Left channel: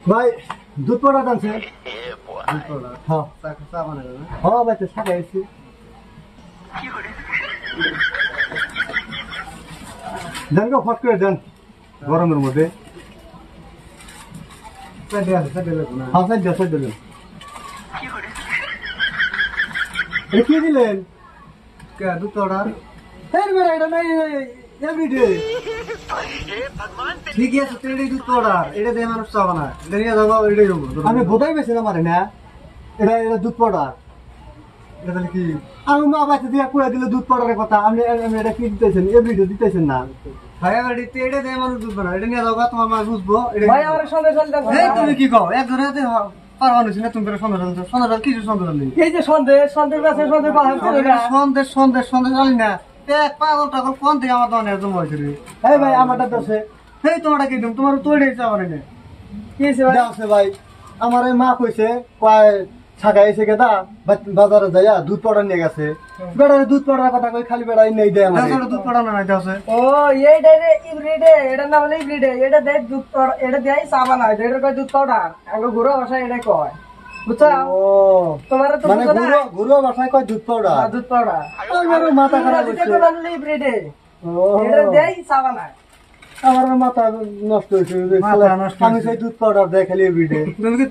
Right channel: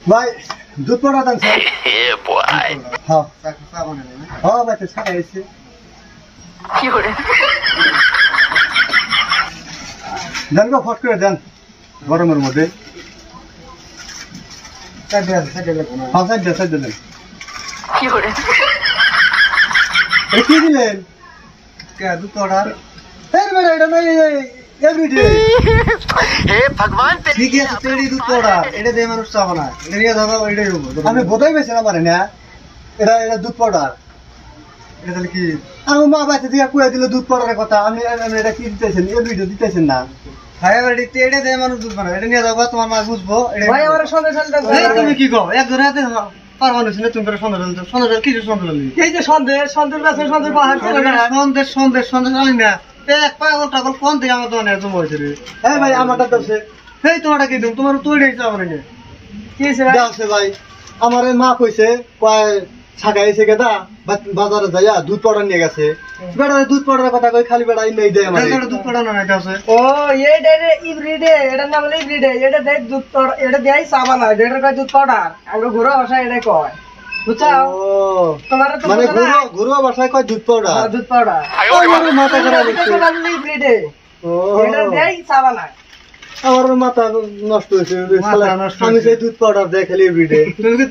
ভাই দুধ পড়া দাম স্যার হ্যাঁ হ্যাঁ ভাই তো ছাকা এসছে দেন গো ফট করে দেন গরমের মধ্যে হ্যাঁ সাইড দিলেন কি দিলেন দুধ অর্ডার এটা নাই এভরিডে ঠিক আছে তেড়ি দুধ অর্ডার এটা দিয়ে মানুষ চাবা না এটা নিয়ে যাবো এটাই হবো আমি বোধাই পেয়েছিলাম মানে না এটা দুধ পাউডার এটা তাহলে কি আমি মা বাচ্চা দিকে কুয়া দিলে দুধ পাউডারের কথা আমি এটা কি দিতেছেন এভরিডে দিতেছেন না ভাইয়া বাড়ি তেড়ে দিয়ে মানুষ দুধ বানায় এটা নিয়ে যাবো তোমার মা বুঝবো ভাই আমার সন্দেশ তুমি কি কও একজনে হাতে পারবা না তুমি করে সন্দেশ কিছু সন্দেশ এই যে সন্দেশ আছে সন্দেশ বাহার চলে না সন্দেশ আলি না এক পাগল টাগল কোন থেকে আমার দোকানে জমা হয়েছে রে এই ভাই আমারটা দছে এই তোমারটা কি দিম তোমার তৈরি হয়েছে আমার না কি হইছে ভাই দাসে ভাই আমার মা কইছে কয় ছাকা এসে গেদা বাজারে যাইয়া দুধ পাউডার নিয়ে গেছে বেটা দুধ পাউডারের কথা কই খালি বেটা নেই দেয় আমার দুধ পড়ানো নাই আছে ও এই ডাইরে ইভরিডে এটা না বলে ইভরিডে এটা দেয় দুধ পাউডার এটা দেয় সাবান হয় এটা কয় দুধ পাউডার আর ঘুরা ভাষা এটা কয় বুঝছাও ও তোমার তো মানে গুরু ভাষায় কয় দুধ পাউডার দুধ পাউডার ওই বড় মাথা খারাপ হচ্ছে ইভরিডে ও এটা দেয় সাবান হয় আমার মাথা নষ্ট হয়েছে মাথা নষ্ট আমি সেই দুধ পাউডার দেয় খালি এভরিডে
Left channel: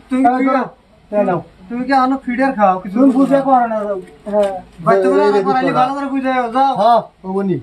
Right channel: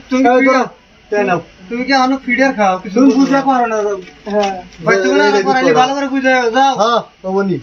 তুমি তাই না তুমি কি আনো ফিডার খাও কিছু তুমি বুঝা পারো না হ্যাঁ ভাই তুমি ভালো করে বুঝাও যাও হ্যাঁ বাবুনি